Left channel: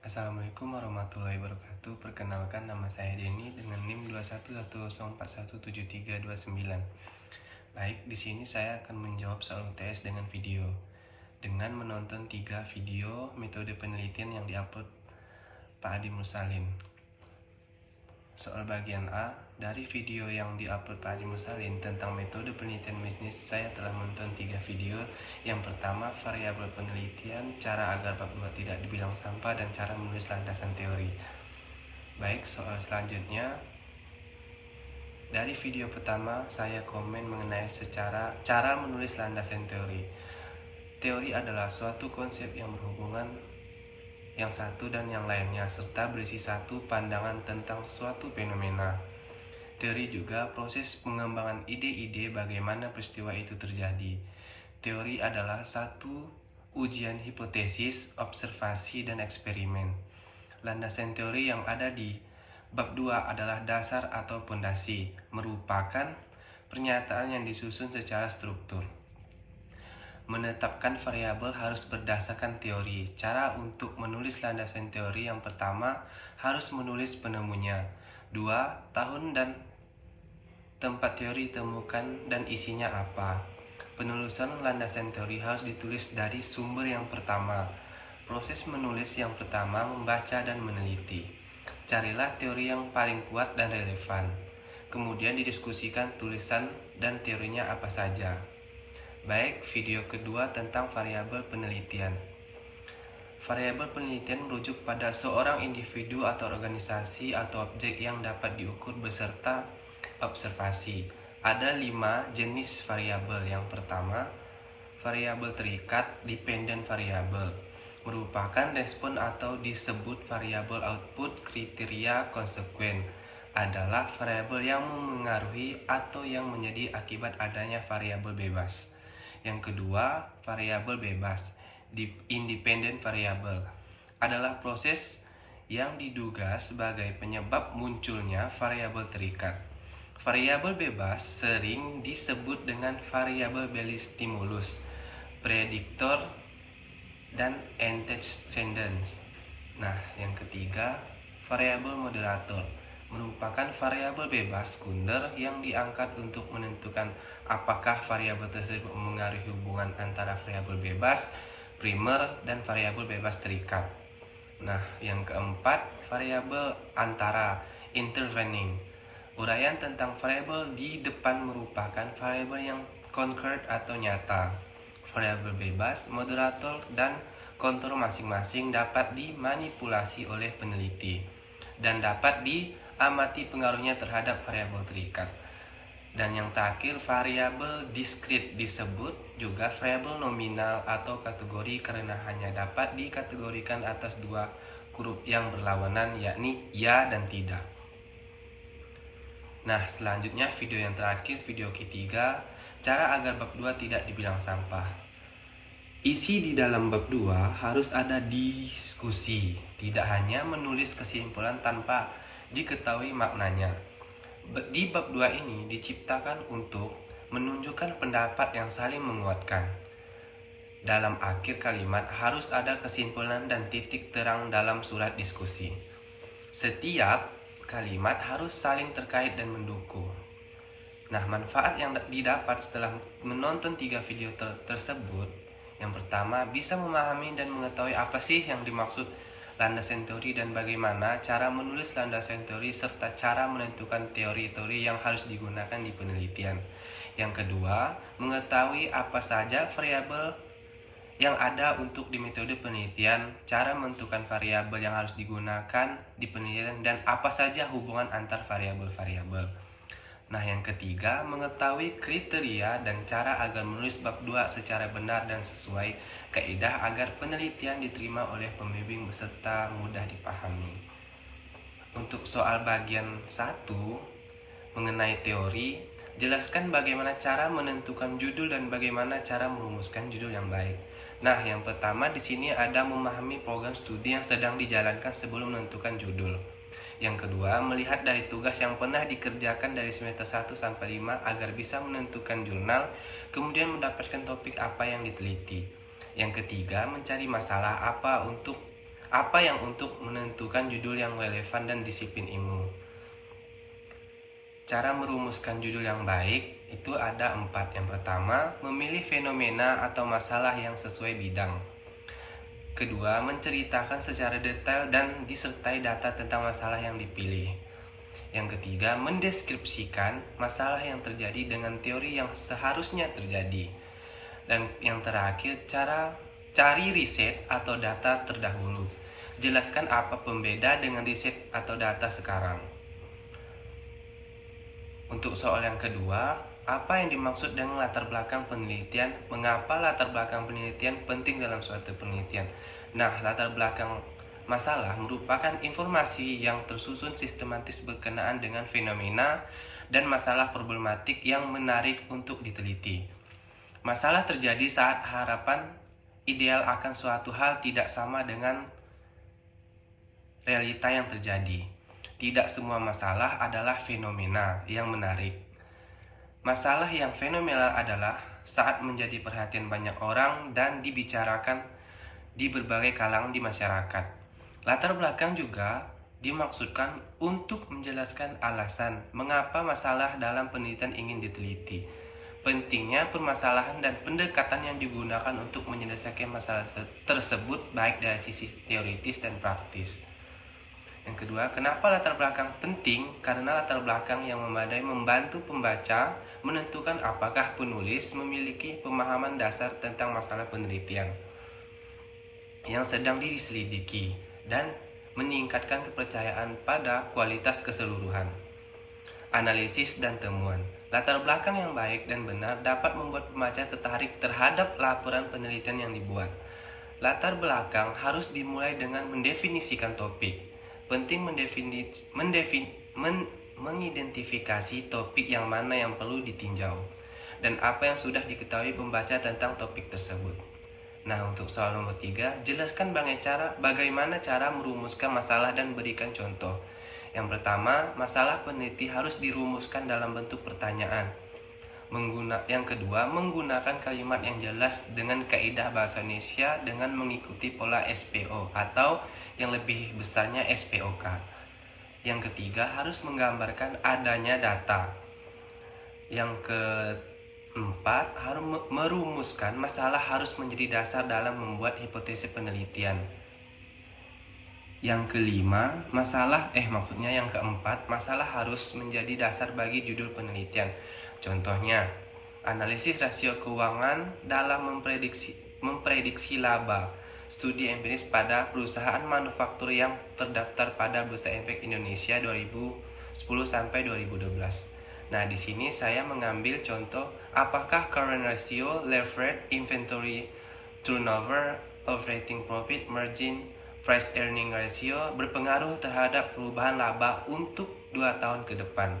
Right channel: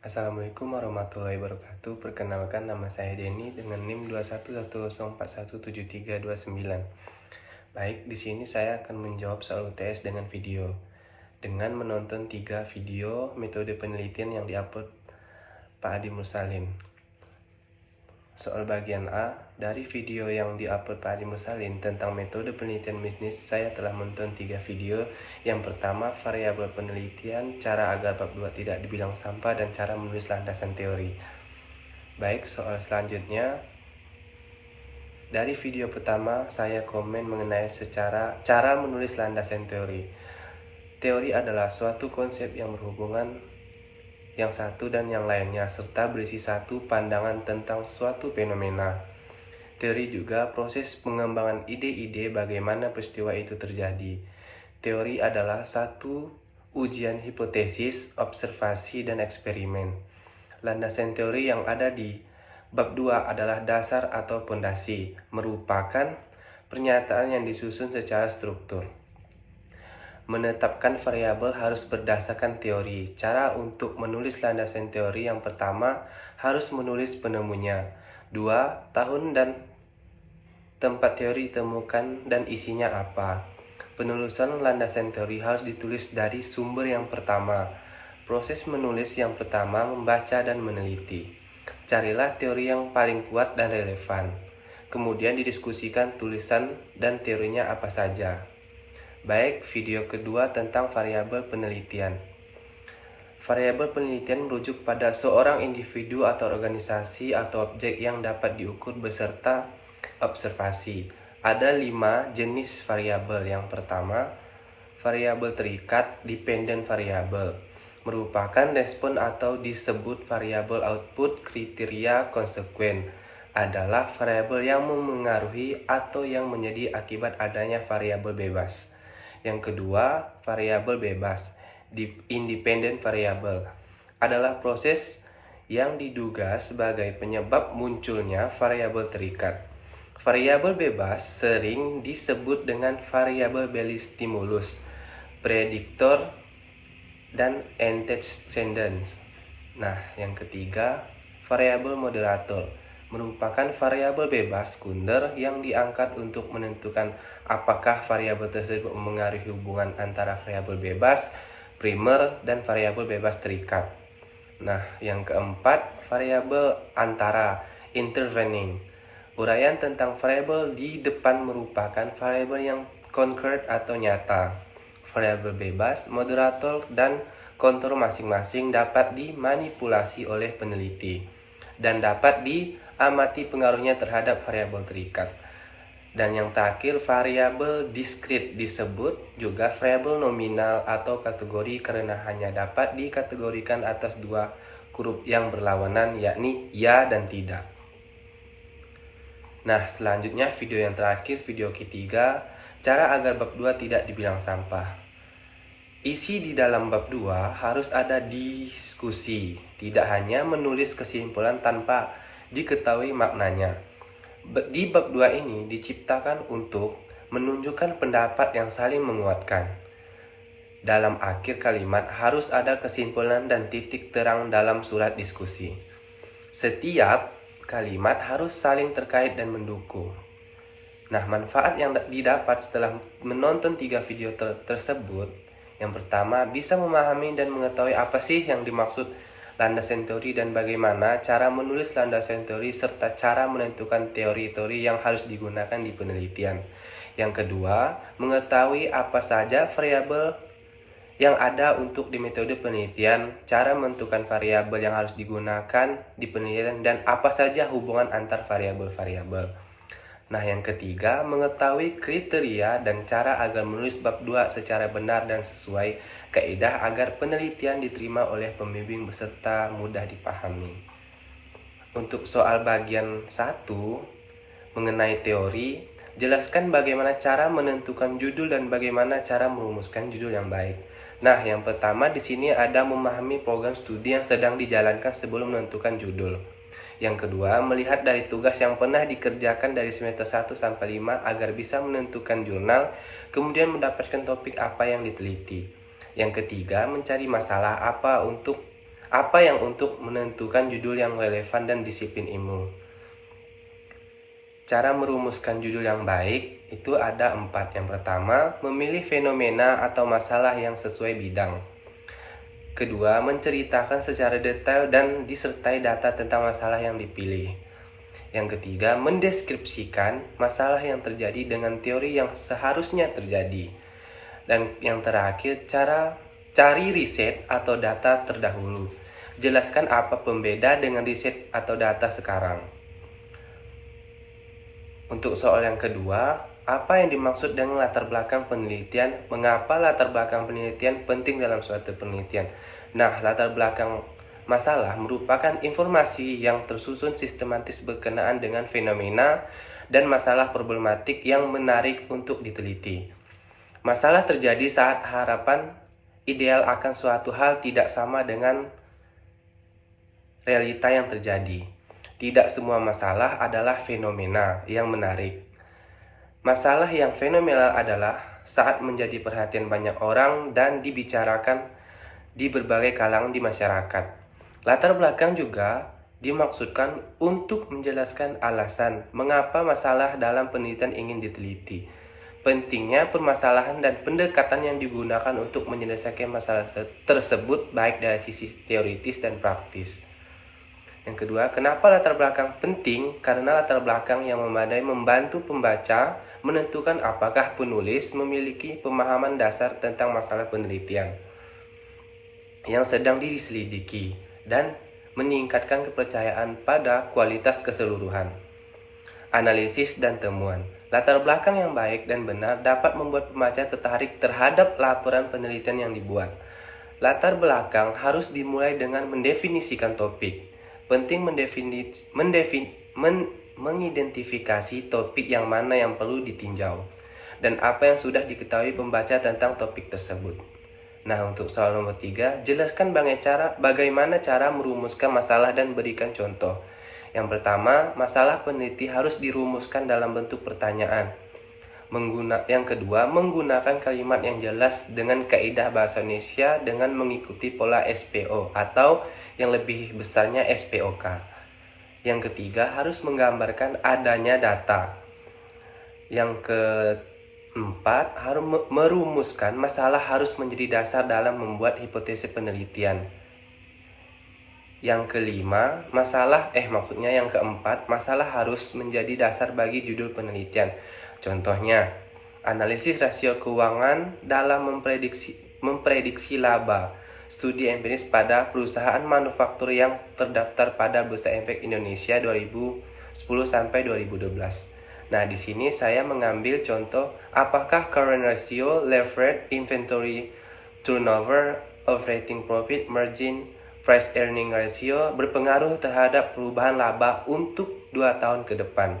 Assalamualaikum warahmatullahi wabarakatuh. Perkenalkan, nama saya Denny dengan NIM 21104173299. Baik, di sini saya akan menjawab soal UTS dengan video. Dengan menonton 3 video metode penelitian yang diupload Pak Adi Mursalin. Soal bagian A, dari video yang diupload Pak Adi Mursalin tentang metode penelitian bisnis, saya telah menonton 3 video. Yang pertama, variabel penelitian, cara agar bab 2 tidak dibilang sampah, dan cara menulis landasan teori. Baik, soal selanjutnya. Dari video pertama, saya komen mengenai cara menulis landasan teori. Teori adalah suatu konsep yang berhubungan yang satu dan yang lainnya, serta berisi satu pandangan tentang suatu fenomena. Teori juga proses pengembangan ide-ide bagaimana peristiwa itu terjadi. Teori adalah satu ujian hipotesis, observasi, dan eksperimen. Landasan teori yang ada di bab 2 adalah dasar atau pondasi, merupakan pernyataan yang disusun secara struktur. Menetapkan variabel harus berdasarkan teori. Cara untuk menulis landasan teori: yang pertama, harus menulis penemunya. 2. Tahun dan tempat teori ditemukan dan isinya apa. Penulisan landasan teori harus ditulis dari sumber yang pertama. Proses menulis: yang pertama, membaca dan meneliti. Carilah teori yang paling kuat dan relevan. Kemudian didiskusikan tulisan dan teorinya apa saja. Baik, video kedua tentang variabel penelitian. Variabel penelitian merujuk pada seorang individu atau organisasi atau objek yang dapat diukur beserta observasi. Ada 5 jenis variabel. Yang pertama, variabel terikat, dependent variable, merupakan respon atau disebut variabel output. Kriteria konsekuen adalah variabel yang memengaruhi atau yang menjadi akibat adanya variabel bebas. Yang kedua, variabel bebas, independent variable, adalah proses yang diduga sebagai penyebab munculnya variabel terikat. Variabel bebas sering disebut dengan variabel stimulus, prediktor, dan antecedents. Nah, yang ketiga, variabel moderator, merupakan variabel bebas sekunder yang diangkat untuk menentukan apakah variabel tersebut mengaruhi hubungan antara variabel bebas primer dan variabel bebas terikat. Nah, yang keempat, variabel antara, intervening. Uraian tentang variabel di depan merupakan variabel yang concrete atau nyata. Variabel bebas, moderator, dan kontur masing-masing dapat dimanipulasi oleh peneliti dan dapat diamati pengaruhnya terhadap variabel terikat. Dan yang terakhir, variabel diskrit disebut juga variabel nominal atau kategori karena hanya dapat dikategorikan atas 2 huruf yang berlawanan, yakni ya dan tidak. Nah, selanjutnya video yang terakhir, video ketiga, cara agar bab 2 tidak dibilang sampah. Isi di dalam bab 2 harus ada diskusi, tidak hanya menulis kesimpulan tanpa diketahui maknanya. Di bab 2 ini diciptakan untuk menunjukkan pendapat yang saling menguatkan. Dalam akhir kalimat harus ada kesimpulan dan titik terang dalam surat diskusi. Setiap kalimat harus saling terkait dan mendukung. Nah, manfaat yang didapat setelah menonton 3 video tersebut: yang pertama, bisa memahami dan mengetahui apa sih yang dimaksud landasan teori dan bagaimana cara menulis landasan teori serta cara menentukan teori-teori yang harus digunakan di penelitian. Yang kedua, mengetahui apa saja variabel yang ada untuk di metode penelitian, cara menentukan variabel yang harus digunakan di penelitian, dan apa saja hubungan antar variabel-variabel. Nah, yang ketiga, mengetahui kriteria dan cara agar menulis bab 2 secara benar dan sesuai kaidah agar penelitian diterima oleh pembimbing beserta mudah dipahami. Untuk soal bagian 1 mengenai teori, jelaskan bagaimana cara menentukan judul dan bagaimana cara merumuskan judul yang baik. Nah, yang pertama di sini ada memahami program studi yang sedang dijalankan sebelum menentukan judul. Yang kedua, melihat dari tugas yang pernah dikerjakan dari semester 1 sampai 5 agar bisa menentukan jurnal, kemudian mendapatkan topik apa yang diteliti. Yang ketiga, mencari masalah apa untuk Apa yang untuk menentukan judul yang relevan dan disiplin ilmu? Cara merumuskan judul yang baik itu ada 4. Yang pertama, memilih fenomena atau masalah yang sesuai bidang. Kedua, menceritakan secara detail dan disertai data tentang masalah yang dipilih. Yang ketiga, mendeskripsikan masalah yang terjadi dengan teori yang seharusnya terjadi. Dan yang terakhir, cari riset atau data terdahulu. Jelaskan apa pembeda dengan riset atau data sekarang. Untuk soal yang kedua, apa yang dimaksud dengan latar belakang penelitian? Mengapa latar belakang penelitian penting dalam suatu penelitian? Nah, latar belakang masalah merupakan informasi yang tersusun sistematis berkenaan dengan fenomena dan masalah problematik yang menarik untuk diteliti. Masalah terjadi saat harapan ideal akan suatu hal tidak sama dengan realita yang terjadi. Tidak semua masalah adalah fenomena yang menarik. Masalah yang fenomenal adalah saat menjadi perhatian banyak orang dan dibicarakan di berbagai kalangan di masyarakat. Latar belakang juga dimaksudkan untuk menjelaskan alasan mengapa masalah dalam penelitian ingin diteliti. Pentingnya permasalahan dan pendekatan yang digunakan untuk menyelesaikan masalah tersebut baik dari sisi teoritis dan praktis. Yang kedua, kenapa latar belakang penting? Karena latar belakang yang memadai membantu pembaca menentukan apakah penulis memiliki pemahaman dasar tentang masalah penelitian yang sedang diselidiki dan meningkatkan kepercayaan pada kualitas keseluruhan. Analisis dan temuan. Latar belakang yang baik dan benar dapat membuat pembaca tertarik terhadap laporan penelitian yang dibuat. Latar belakang harus dimulai dengan mendefinisikan topik. Penting mengidentifikasi topik yang mana yang perlu ditinjau dan apa yang sudah diketahui pembaca tentang topik tersebut. Nah, untuk soal nomor 3, jelaskan bagaimana cara merumuskan masalah dan berikan contoh. Yang pertama, masalah peneliti harus dirumuskan dalam bentuk pertanyaan. Yang kedua, menggunakan kalimat yang jelas dengan kaidah bahasa Indonesia dengan mengikuti pola SPO atau yang lebih besarnya SPOK. Yang ketiga, harus menggambarkan adanya data. Yang keempat, harus merumuskan masalah harus menjadi dasar dalam membuat hipotesis penelitian. Yang kelima, yang keempat, masalah harus menjadi dasar bagi judul penelitian. Contohnya, analisis rasio keuangan dalam memprediksi laba, studi empiris pada perusahaan manufaktur yang terdaftar pada Bursa Efek Indonesia 2010-2012. Nah, di sini saya mengambil contoh apakah current ratio, leverage, inventory, turnover, operating profit, margin, price earning ratio berpengaruh terhadap perubahan laba untuk 2 tahun ke depan.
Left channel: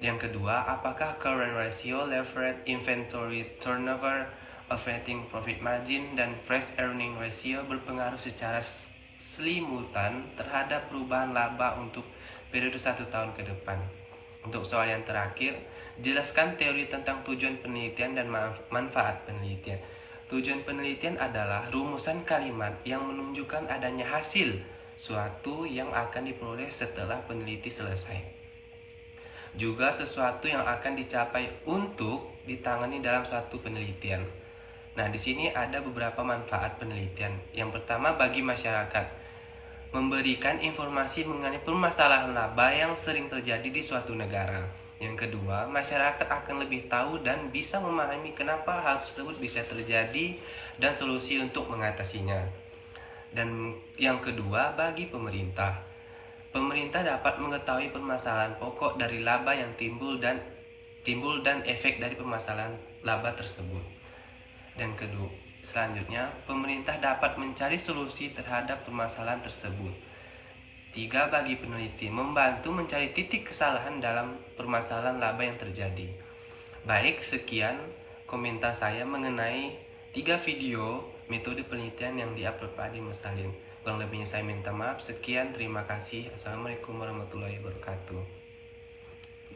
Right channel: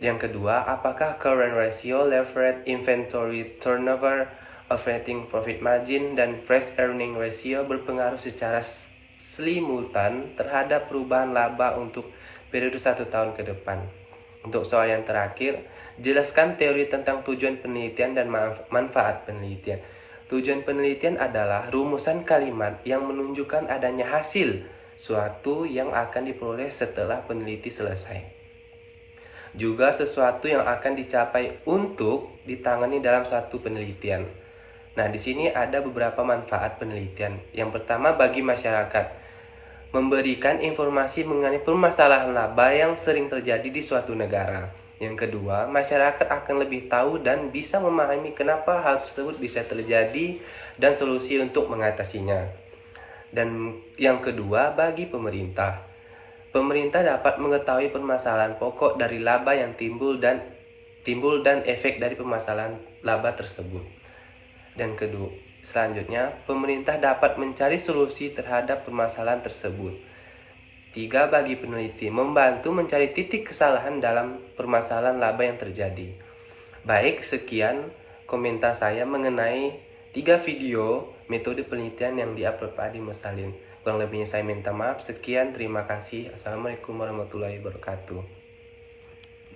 Yang kedua, apakah current ratio, leverage, inventory, turnover, operating profit margin, dan price earning ratio berpengaruh secara simultan terhadap perubahan laba untuk periode 1 tahun ke depan. Untuk soal yang terakhir, jelaskan teori tentang tujuan penelitian dan manfaat penelitian. Tujuan penelitian adalah rumusan kalimat yang menunjukkan adanya hasil suatu yang akan diperoleh setelah peneliti selesai. Juga sesuatu yang akan dicapai untuk ditangani dalam satu penelitian. Nah, di sini ada beberapa manfaat penelitian. Yang pertama, bagi masyarakat, memberikan informasi mengenai permasalahan laba yang sering terjadi di suatu negara. Yang kedua, masyarakat akan lebih tahu dan bisa memahami kenapa hal tersebut bisa terjadi dan solusi untuk mengatasinya. Dan yang kedua, bagi pemerintah, pemerintah dapat mengetahui permasalahan pokok dari laba yang timbul dan efek dari permasalahan laba tersebut. Dan selanjutnya, pemerintah dapat mencari solusi terhadap permasalahan tersebut. 3, bagi peneliti, membantu mencari titik kesalahan dalam permasalahan laba yang terjadi. Baik, sekian komentar saya mengenai 3 video metode penelitian yang diupload Pak Adi Mursalin. Kurang lebihnya saya minta maaf. Sekian, terima kasih. Assalamualaikum warahmatullahi wabarakatuh.